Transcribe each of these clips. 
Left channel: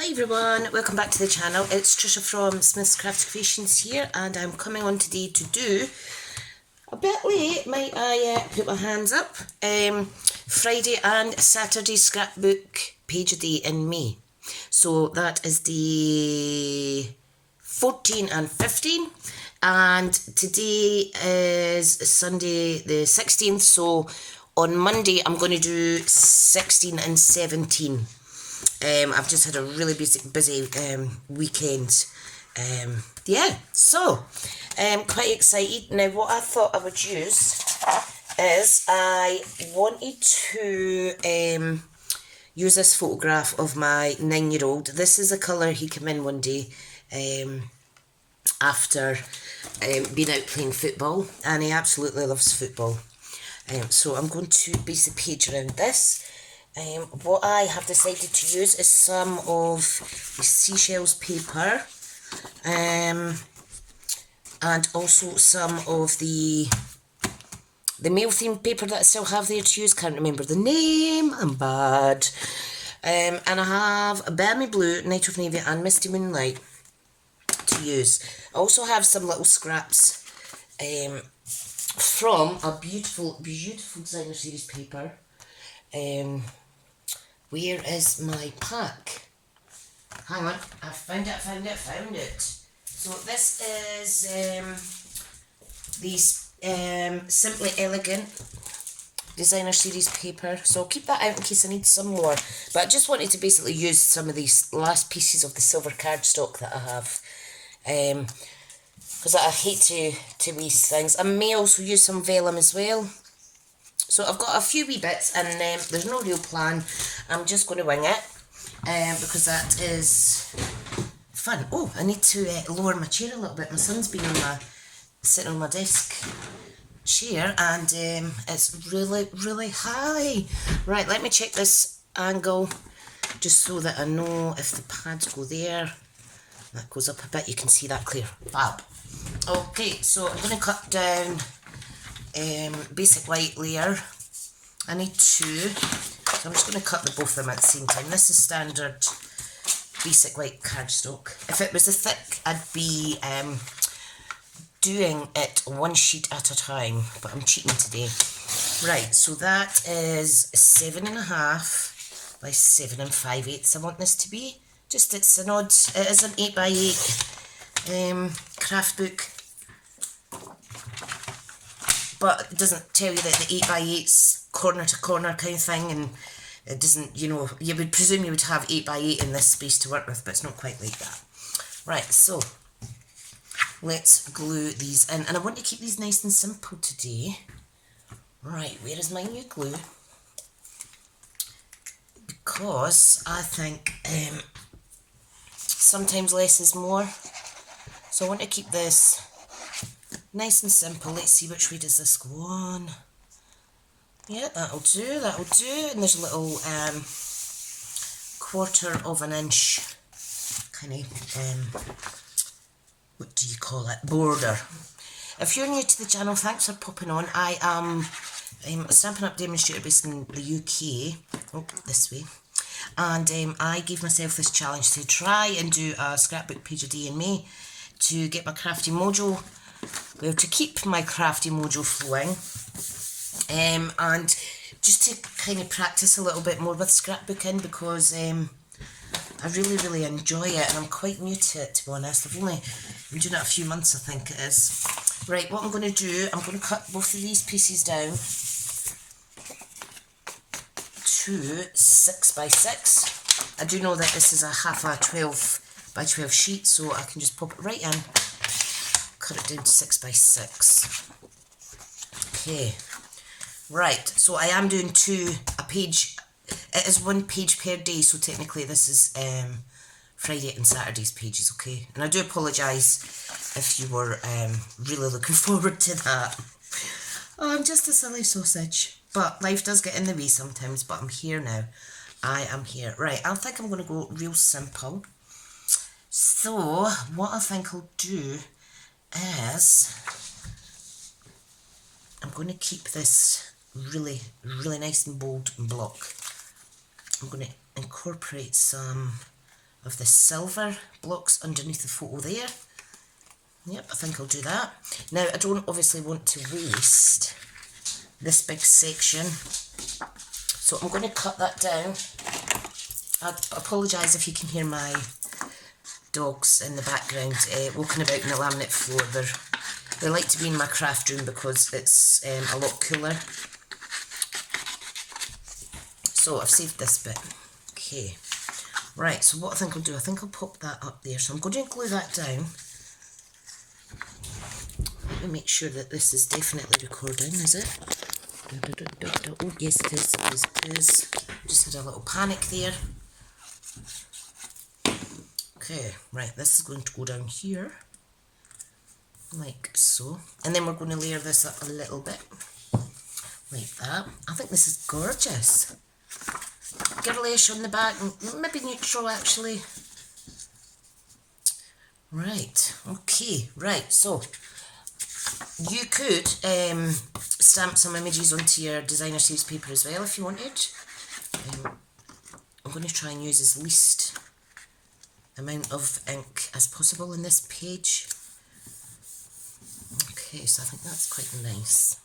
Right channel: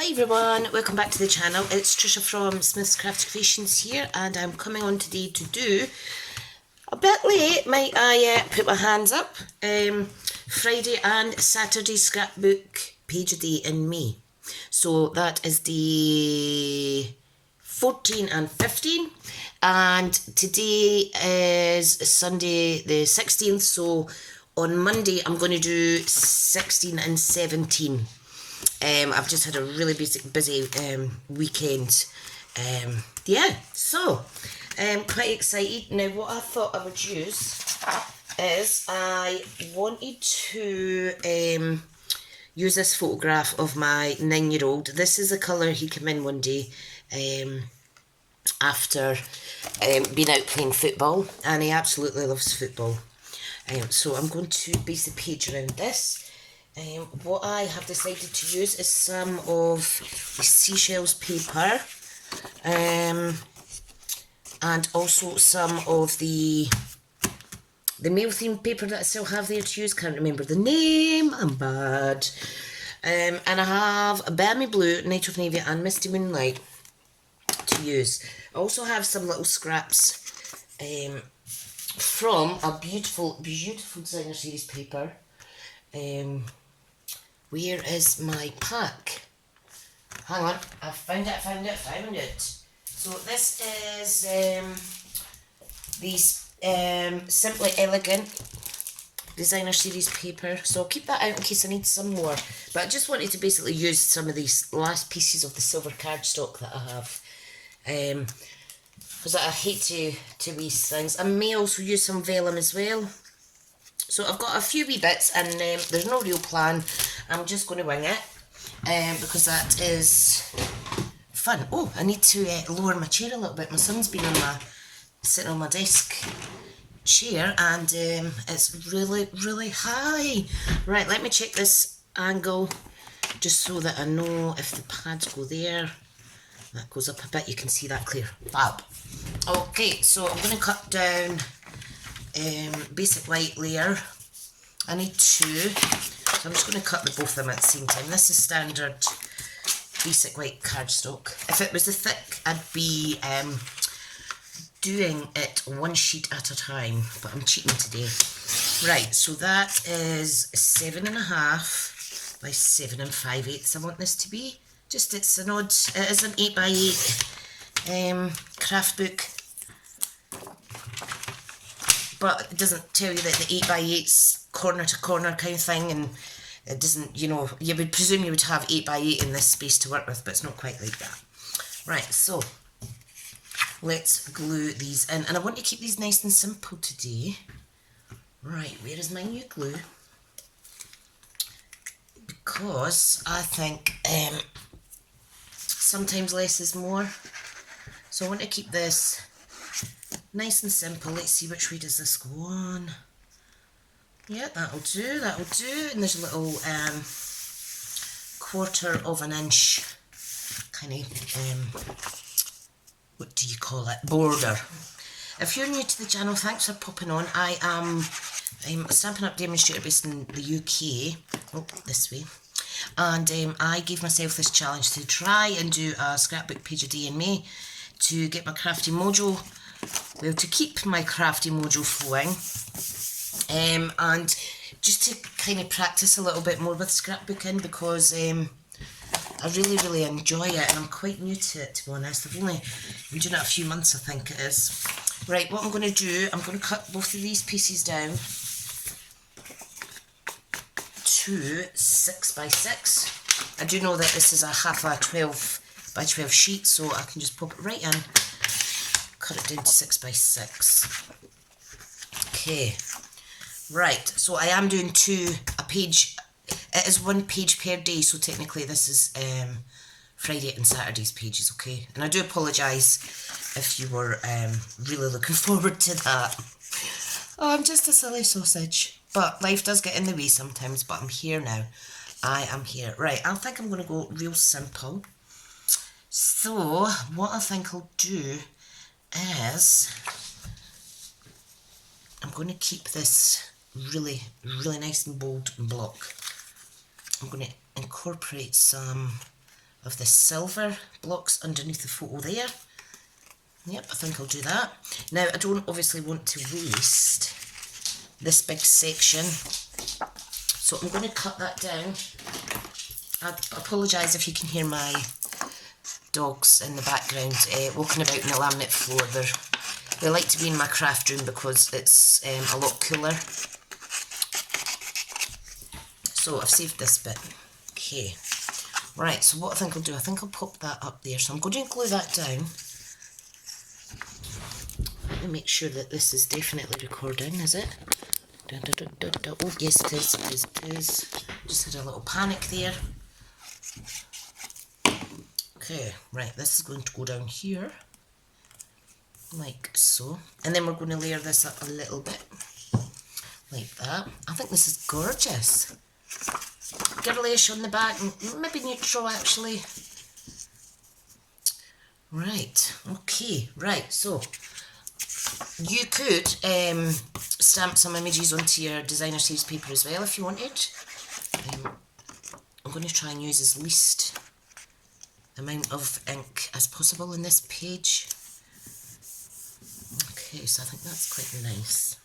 Hi everyone, welcome back to the channel. It's Tricia from Smith's Craft Creations here, and I'm coming on today to do a bit late, might I put my hands up, Friday and Saturday scrapbook page a day in May. So that is the 14 and 15, and today is Sunday the 16th, so on Monday I'm going to do 16 and 17. I've just had a really busy weekend. Yeah, so quite excited. Now what I thought I would use is I wanted to use this photograph of my 9-year-old. This is the colour he came in one day after being out playing football, and he absolutely loves football. So I'm going to base the page around this. What I have decided to use is some of the seashells paper, and also some of the mail themed paper that I still have there to use. Can't remember the name, I'm bad. And I have a Balmy Blue, Night of Navy and Misty Moonlight to use. I also have some little scraps from a beautiful designer series paper. Where is my pack? Hang on, I found it. So this is these Simply Elegant designer series paper. So I'll keep that out in case I need some more. But I just wanted to basically use some of these last pieces of the silver cardstock that I have. Because I hate to waste things. I may also use some vellum as well. So I've got a few wee bits, and there's no real plan. I'm just going to wing it, because that is fun. Oh, I need to lower my chair a little bit. My son's been sitting on my desk chair, and it's really high. Right, let me check this angle, just so that I know if the pads go there. That goes up a bit, you can see that clear. Fab. Okay, so I'm going to cut down basic white layer. I need two, so I'm just going to cut both of them at the same time. This is standard basic white cardstock. If it was a thick, I'd be doing it one sheet at a time, but I'm cheating today. Right, so that is 7.5 by 7 5/8. I want this to be. Just, it's an odd, it is an 8x8 craft book. But it doesn't tell you that the 8x8's corner to corner kind of thing, and it doesn't, you know, you would presume you would have 8x8 in this space to work with, but it's not quite like that. Right, so let's glue these in, and I want to keep these nice and simple today. Right, where is my new glue? Because I think sometimes less is more. So I want to keep this nice and simple. Let's see, which way does this go on? Yeah, that'll do. And there's a little 1/4 inch kind of, what do you call it, border. If you're new to the channel, thanks for popping on. I'm a Stampin' Up demonstrator based in the UK. Oh, this way. And I gave myself this challenge to try and do a scrapbook page a day in May to get my crafty mojo, well, to keep my crafty mojo flowing, and just to kind of practice a little bit more with scrapbooking, because I really enjoy it, and I'm quite new to it, to be honest. I've only been doing it a few months, I think it is. Right, what I'm going to do, I'm going to cut both of these pieces down to 6 by 6. I do know that this is a half a 12 by 12 sheet, so I can just pop it right in, cut it down to 6 by 6. Okay, right, so I am doing a page. It is one page per day, so technically this is Friday and Saturday's pages, okay? And I do apologise if you were really looking forward to that. Oh, I'm just a silly sausage. But life does get in the way sometimes, but I'm here now. I am here. Right, I think I'm going to go real simple. So, what I think I'll do is, I'm going to keep this really nice and bold and block. I'm going to incorporate some of the silver blocks underneath the photo there. Yep, I think I'll do that. Now, I don't obviously want to waste this big section, so I'm going to cut that down. I apologise if you can hear my dogs in the background walking about in the laminate floor. They like to be in my craft room because it's a lot cooler. So I've saved this bit. Okay, right, so what I think I'll do, I think I'll pop that up there. So I'm going to glue that down. Let me make sure that this is definitely recording, is it? Oh, yes it is, yes it is. Just had a little panic there. Okay, right, this is going to go down here, like so. And then we're going to layer this up a little bit, like that. I think this is gorgeous. Girlish on the back, maybe neutral actually. Right, okay, right, so you could stamp some images onto your designer saves paper as well if you wanted. I'm going to try and use as least amount of ink as possible in this page. Okay, so I think that's quite nice.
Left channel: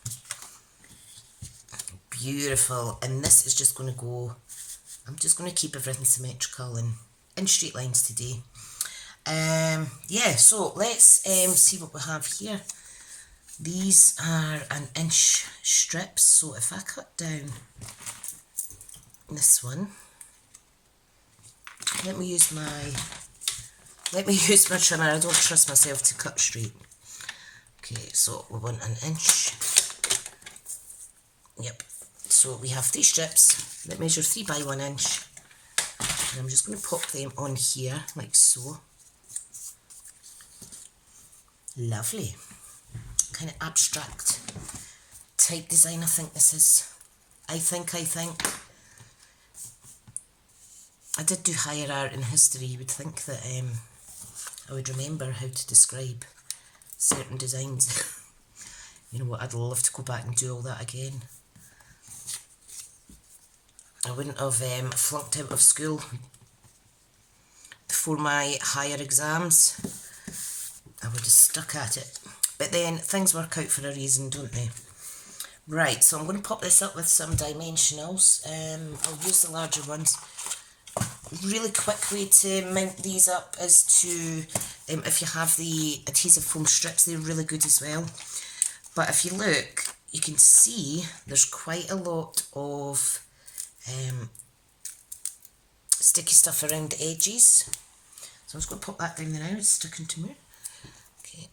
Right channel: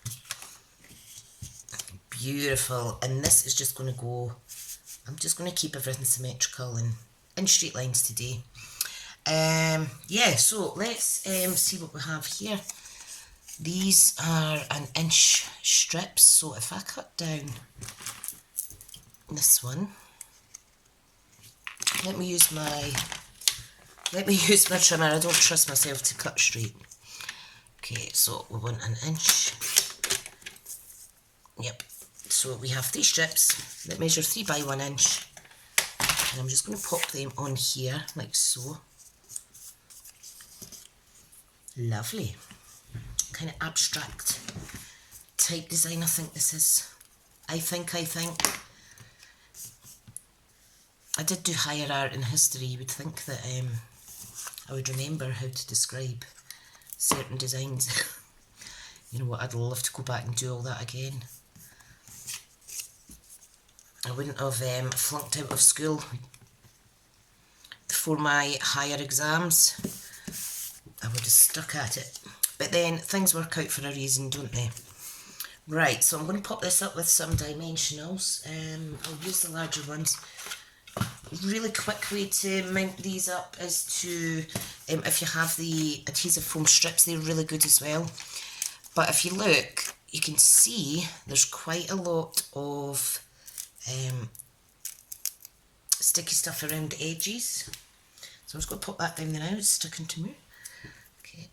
Beautiful, and this is just going to go, I'm just going to keep everything symmetrical and in straight lines today. Yeah, so let's see what we have here. These are 1-inch strips, so if I cut down this one, let me use my trimmer. I don't trust myself to cut straight. Okay, so we want 1 inch. Yep. So we have 3 strips that measure 3 by 1 inch, and I'm just going to pop them on here like so. Lovely. Kind of abstract type design I think this is. I think. I did do higher art and history. You would think that I would remember how to describe certain designs. You know what, I'd love to go back and do all that again. I wouldn't have flunked out of school before my higher exams. I would have stuck at it. But then things work out for a reason, don't they? Right, so I'm going to pop this up with some dimensionals. I'll use the larger ones. Really quick way to mount these up is to, if you have the adhesive foam strips, they're really good as well. But if you look, you can see there's quite a lot of sticky stuff around the edges. So I'm just going to pop that down there now, it's sticking to me. Okay,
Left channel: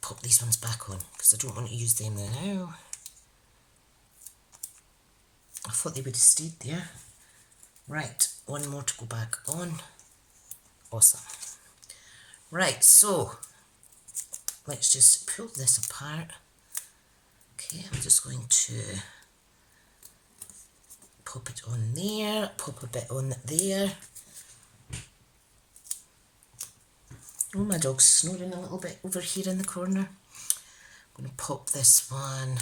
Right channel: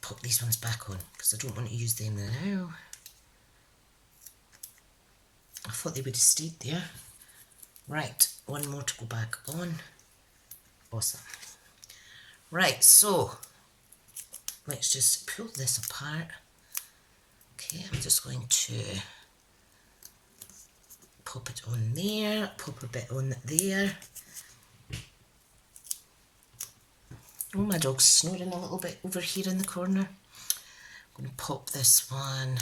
pop these ones back on because I don't want to use them there now. I thought they would have stayed there. Right, one more to go back on. Awesome. Right, so let's just pull this apart. Okay, I'm just going to pop it on there, pop a bit on there. Oh, my dog's snoring a little bit over here in the corner. I'm going to pop this one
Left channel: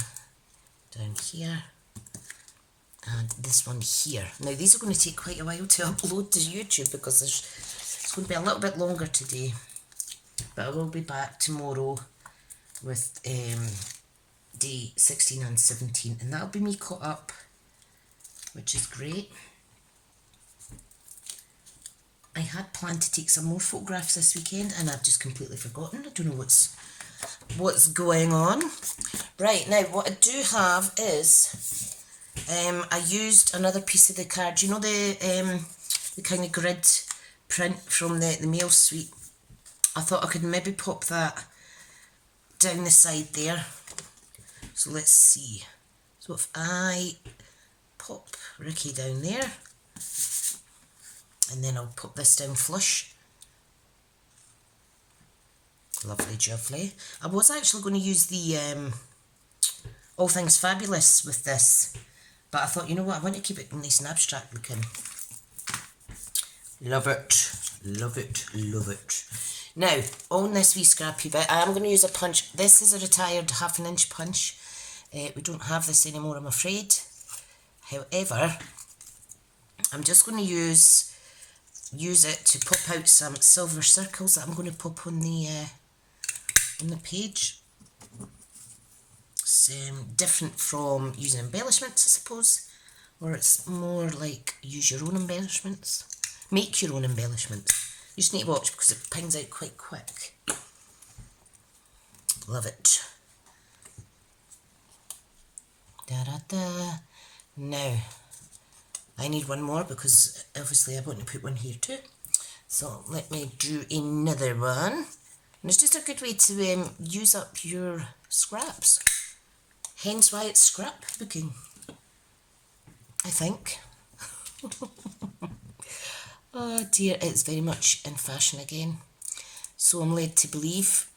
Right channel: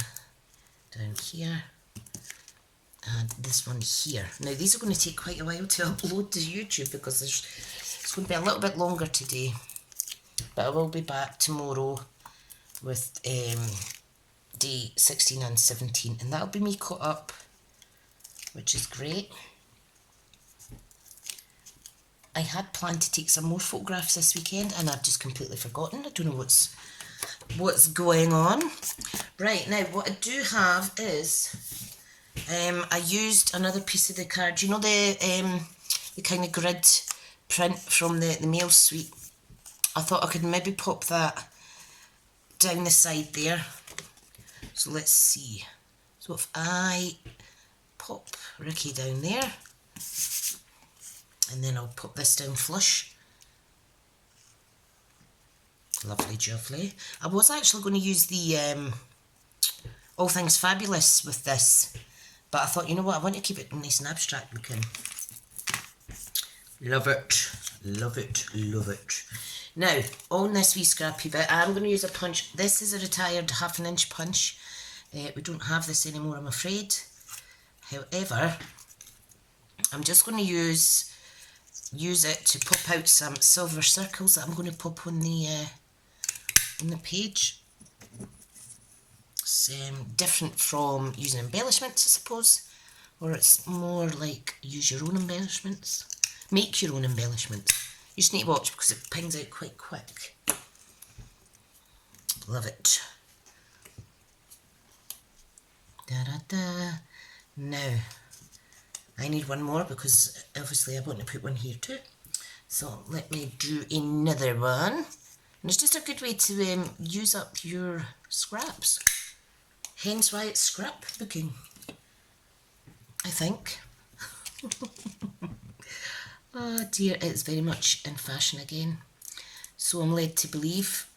down here. And this one here. Now these are going to take quite a while to upload to YouTube because it's going to be a little bit longer today. But I will be back tomorrow with day 16 and 17. And that'll be me caught up, which is great. I had planned to take some more photographs this weekend and I've just completely forgotten. I don't know what's going on. Right, now what I do have is I used another piece of the card. You know the kind of grid print from the mail suite? I thought I could maybe pop that down the side there. So let's see. So if I pop Ricky down there, and then I'll pop this down flush. Lovely jubbly. I was actually going to use the All Things Fabulous with this, but I thought, you know what, I want to keep it nice and abstract looking. Love it, love it, love it. Now, on this wee scrappy bit, I'm going to use a punch. This is a retired 1/2 inch punch. We don't have this anymore, I'm afraid. However, I'm just going to use use it to pop out some silver circles that I'm going to pop on the page. It's different from using embellishments, I suppose, or it's more like use your own embellishments. Make your own embellishments. You just need to watch because it pings out quite quick. Love it. Da da da. Now, I need one more because obviously I want to put one here too. So let me do another one. And it's just a good way to use up your scraps. Hence why it's scrapbooking, I think. Oh dear, it's very much in fashion again. So I'm led to believe,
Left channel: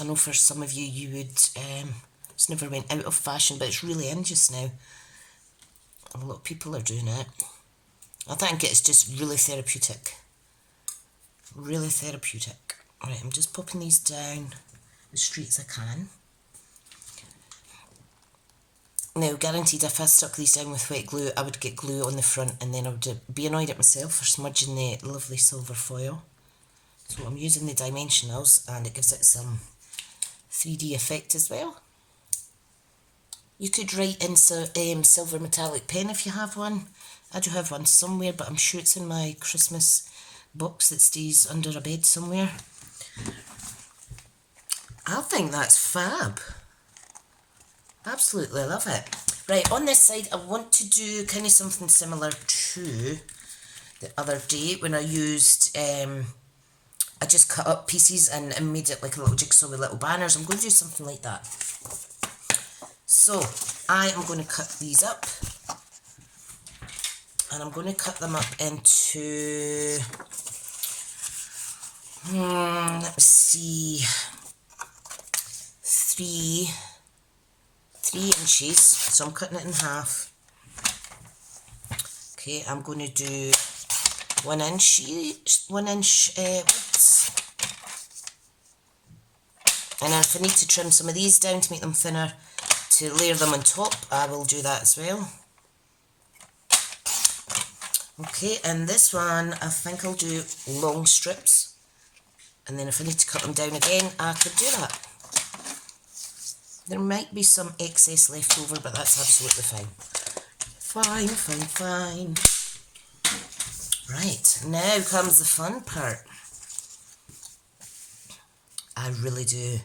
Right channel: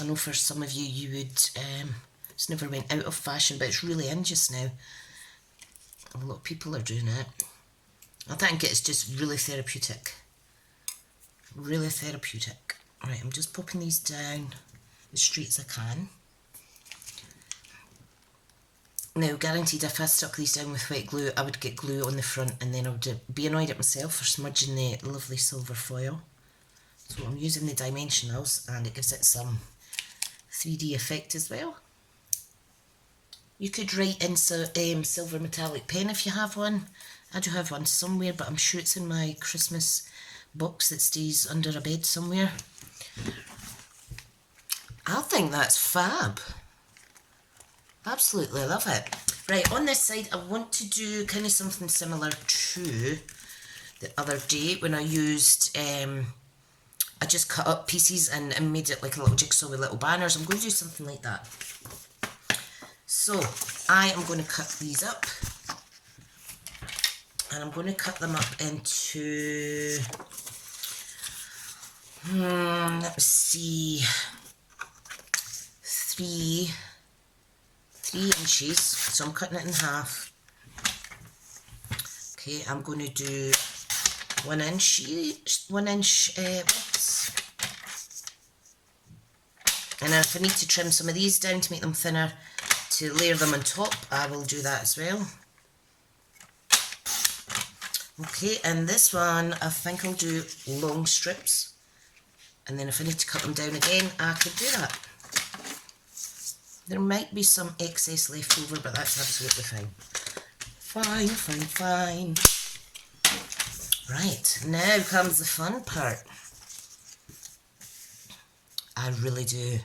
I know for some of you, you would, it's never went out of fashion, but it's really in just now. A lot of people are doing it. I think it's just really therapeutic. Really therapeutic. Right, I'm just popping these down as straight as I can. Now, guaranteed if I stuck these down with wet glue, I would get glue on the front and then I would be annoyed at myself for smudging the lovely silver foil. So I'm using the dimensionals and it gives it some 3D effect as well. You could write in silver metallic pen if you have one. I do have one somewhere, but I'm sure it's in my Christmas box that stays under a bed somewhere. I think that's fab. Absolutely love it. Right, on this side, I want to do kind of something similar to the other day when I used, I just cut up pieces and made it like a little jigsaw with little banners. I'm going to do something like that. So, I am going to cut these up. And I'm going to cut them up into, let me see, 3 inches, so I'm cutting it in half. Okay, I'm going to do 1 inch widths. And then if I need to trim some of these down to make them thinner, to layer them on top, I will do that as well. Okay, and this one, I think I'll do long strips. And then if I need to cut them down again, I could do that. There might be some excess left over, but that's absolutely fine. Fine, fine, fine. Right, now comes the fun part. I really do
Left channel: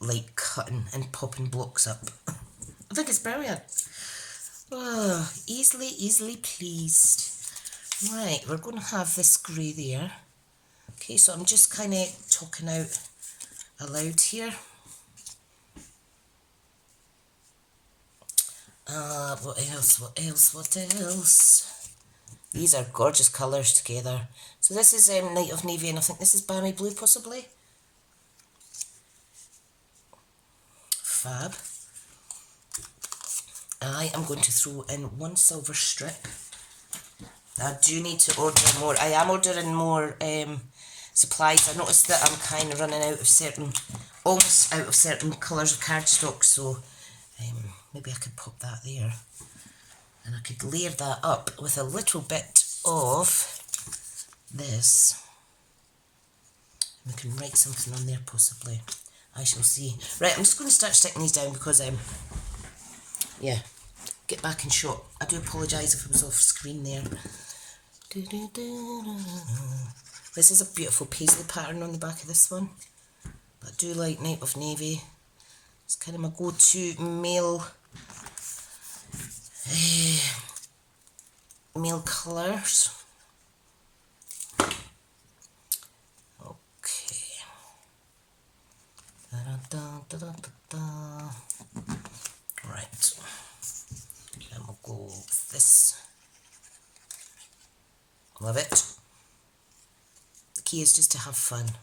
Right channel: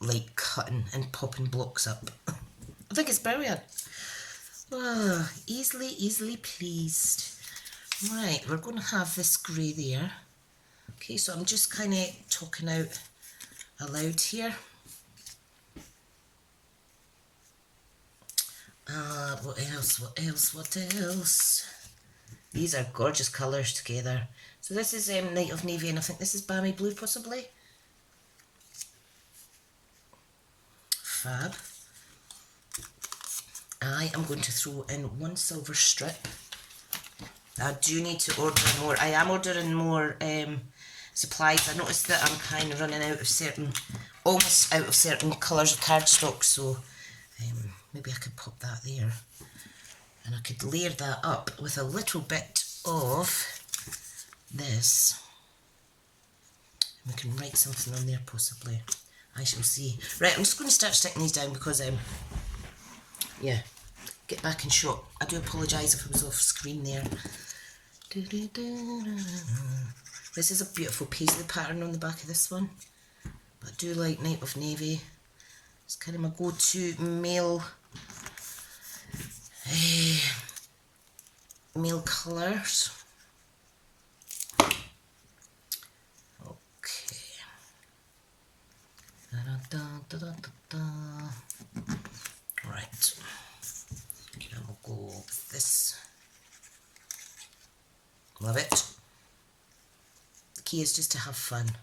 like cutting and popping blocks up. I think it's brilliant. Oh, easily pleased. Right, we're going to have this grey there. Okay, so I'm just kind of talking out aloud here. What else? These are gorgeous colours together. So this is Night of Navy and I think this is Balmy Blue possibly. Fab. I am going to throw in 1 silver strip. I do need to order more. I am ordering more supplies. I noticed that I'm kind of running out of almost out of certain colours of cardstock, so maybe I could pop that there. And I could layer that up with a little bit of this. And we can write something on there possibly. I shall see. Right, I'm just going to start sticking these down because, yeah, get back in shot. I do apologise if I was off screen there. This is a beautiful paisley pattern on the back of this one. But I do like Night of Navy. It's kind of my go-to male colours. Okay. Right. Then we'll go with this. Love it. The key is just to have fun.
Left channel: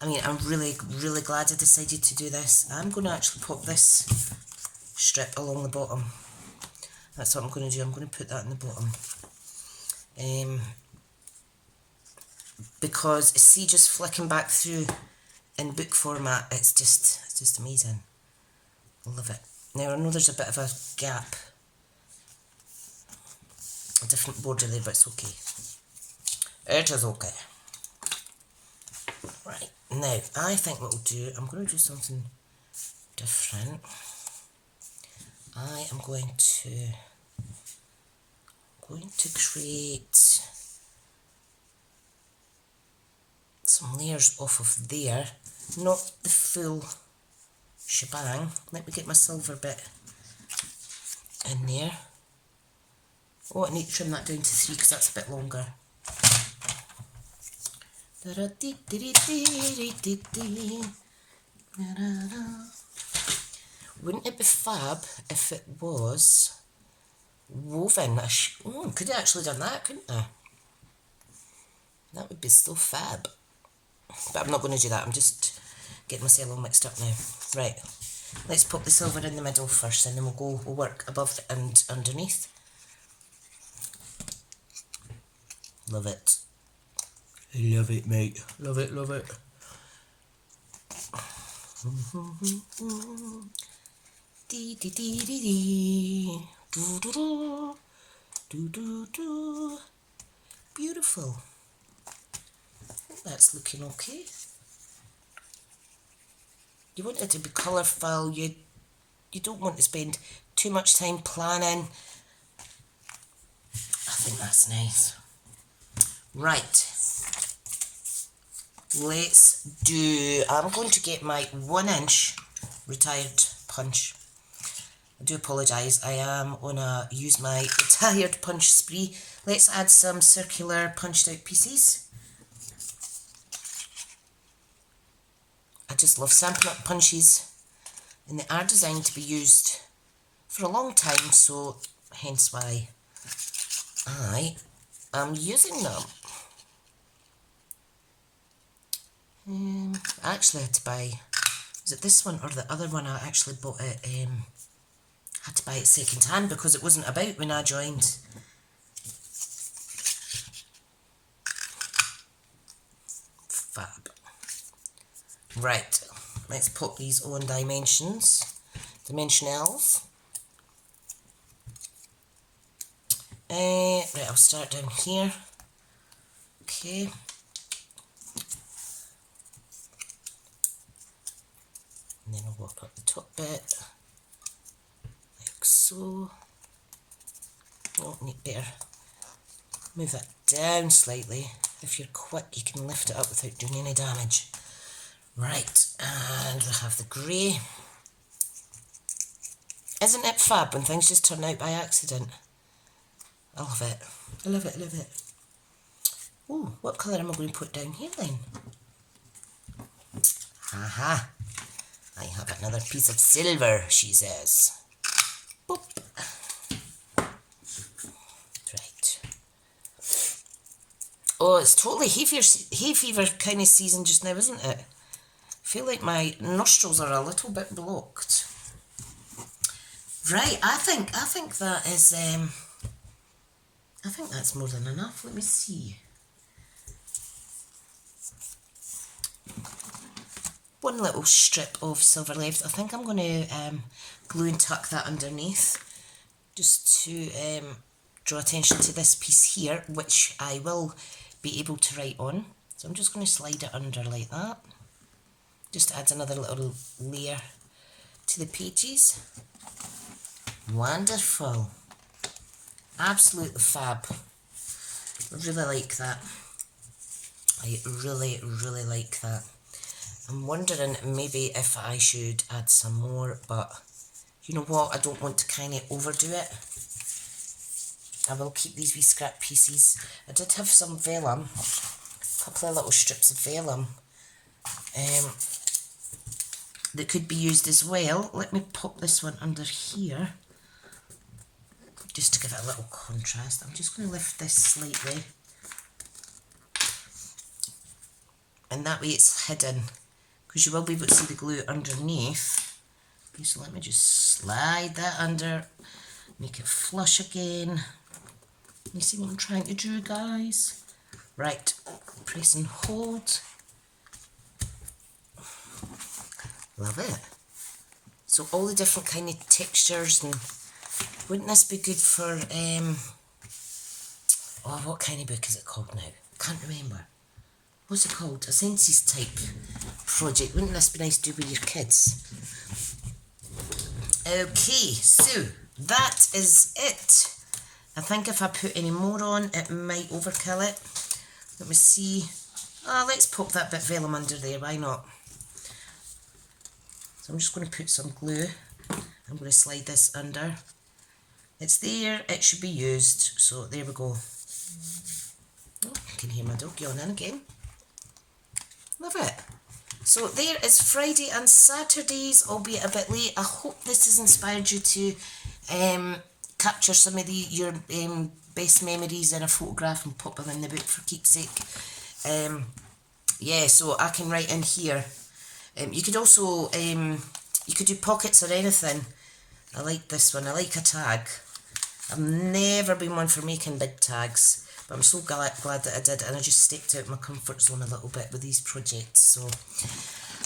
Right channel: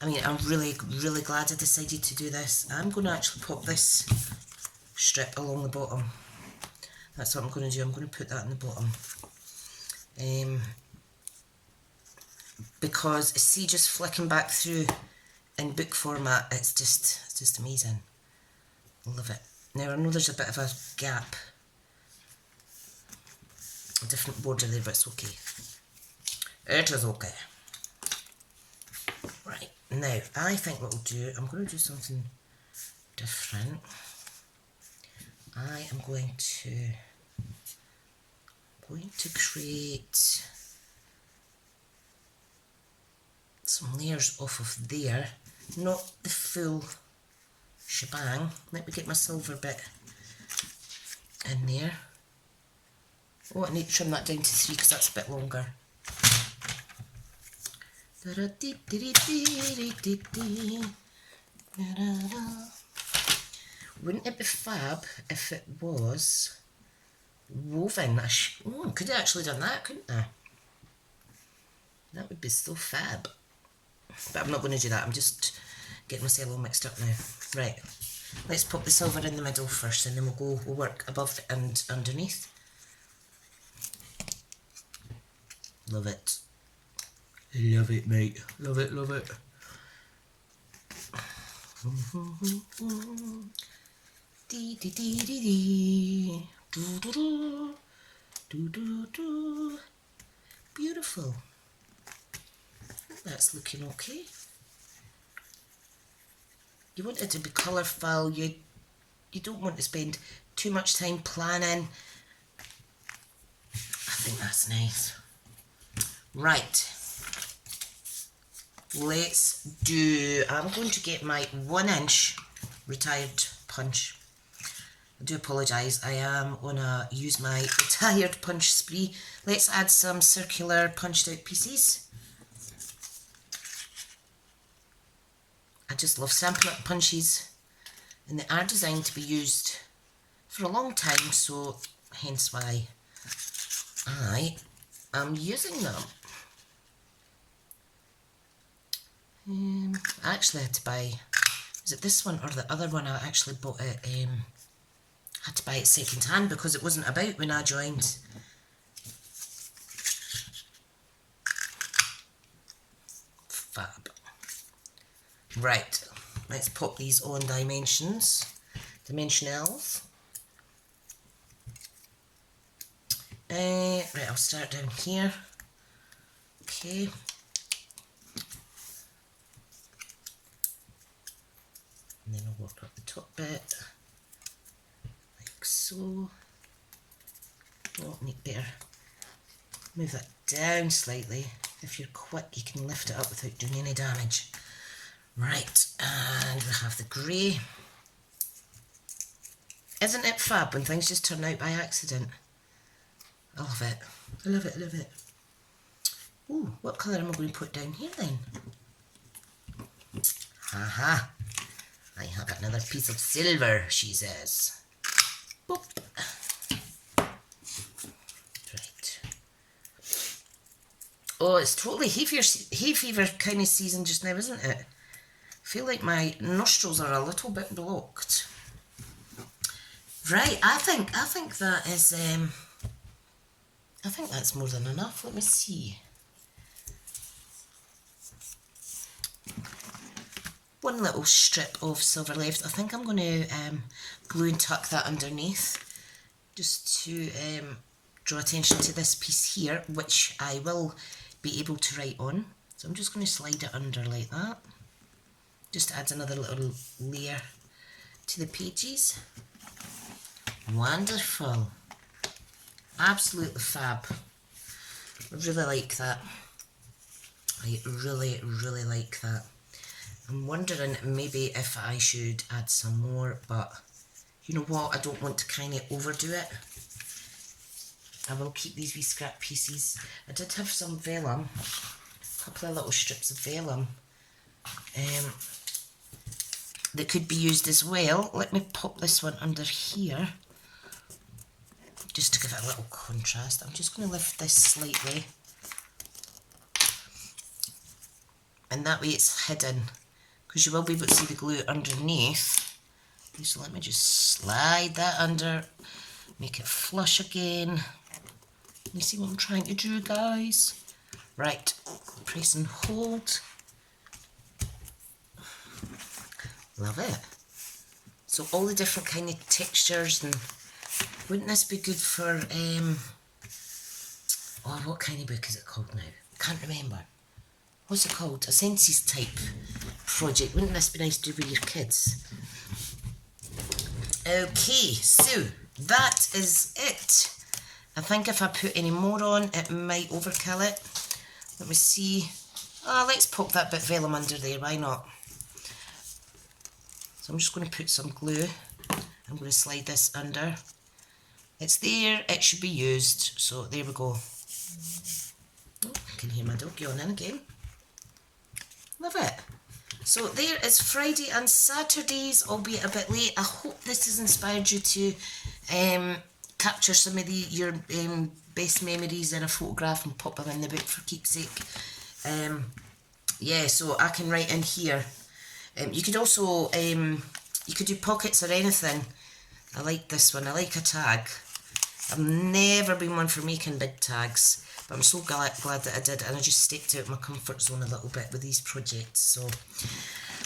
I mean, I'm really glad I decided to do this. I'm going to actually pop this strip along the bottom. That's what I'm going to do. I'm going to put that in the bottom. Because, see, just flicking back through in book format, it's just amazing. Love it. Now, I know there's a bit of a gap. a different border there, but it's okay. It is okay. Right, now I think what we'll do, I'm going to do something different. I am going to create some layers off of there, not the full shebang. Let me get my silver bit in there. Oh, I need to trim that down to 3 because that's a bit longer. Wouldn't it be fab if it was woven? Could have actually done that, couldn't I? That would be so fab. But I'm not going to do that, I'm just getting myself all mixed up now. Right, let's pop the silver in the middle first and then we'll work above and underneath. Love it. Love it, mate. Love it, love it. Dee dee dee dee dee. Do do do. Do do do. Beautiful. I think that's looking okay. You want it to be colourful. You don't want to spend too much time planning. I think that's nice. Right. I'm going to get my 1-inch retired punch. I do apologise, I am going to use my retired punch spree. Let's add some circular punched out pieces. I just love Stampin' Up punches, and they are designed to be used for a long time, so hence why I am using them. I actually had to buy, was it this one or the other one? I actually bought it, had to buy it second hand because it wasn't about when I joined. Fab. Right, let's put these on dimensionals. Right, I'll start down here. Okay. And then I'll work up the top bit, like so. Oh, need better move that down slightly. If you're quick, you can lift it up without doing any damage. Right, and we have the grey. Isn't it fab when things just turn out by accident? I love it. I love it, I love it. Ooh, what colour am I going to put down here then? Haha. I have another piece of silver, she says. Boop. Right. Oh, it's totally hay fever kind of season just now, isn't it? I feel like my nostrils are a little bit blocked. Right, I think that is I think that's more than enough. Let me see. One little strip of silver left. I think I'm going to glue and tuck that underneath just to draw attention to this piece here, which I will be able to write on. So I'm just going to slide it under like that. Just adds another little layer to the pages. Wonderful. Absolutely fab. I really like that. I really, really like that. I'm wondering maybe if I should add some more, but you know what, I don't want to kind of overdo it. I will keep these wee scrap pieces. I did have some vellum, a couple of little strips of vellum that could be used as well. Let me pop this one under here, just to give it a little contrast. I'm just going to lift this slightly, and that way it's hidden, because you will be able to see the glue underneath. So let me just slide that under, make it flush again. You see what I'm trying to do, guys? Right, press and hold. Love it. So all the different kind of textures, and wouldn't this be good for Oh, what kind of book is it called now? Can't remember. What's it called? A census type project. Wouldn't this be nice to do with your kids? Okay, so that is it. I think if I put any more on, it might overkill it. Let me see. Let's pop that bit vellum under there, why not? So I'm just going to put some glue. I'm going to slide this under. It's there, it should be used. So there we go. Oh, I can hear my dog yawning again. Love it. So there is Friday and Saturdays, albeit a bit late. I hope this has inspired you to capture some of your best memories in a photograph and pop them in the book for keepsake. Yeah, so I can write in here. You could also, you could do pockets or anything. I like this one. I like a tag. I've never been one for making big tags, but I'm so glad that I did, and I just stepped out of my comfort zone a little bit with these projects. So,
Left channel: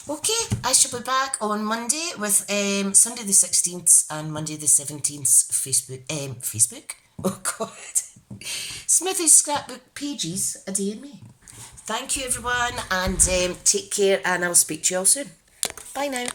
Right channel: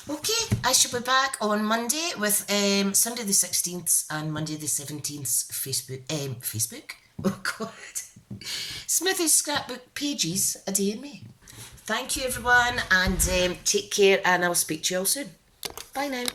okay, I shall be back on Monday with Sunday the 16th and Monday the 17th Facebook? Oh God. Smithy's Scrapbook pages a day in May. Thank you everyone, and take care, and I'll speak to you all soon. Bye now.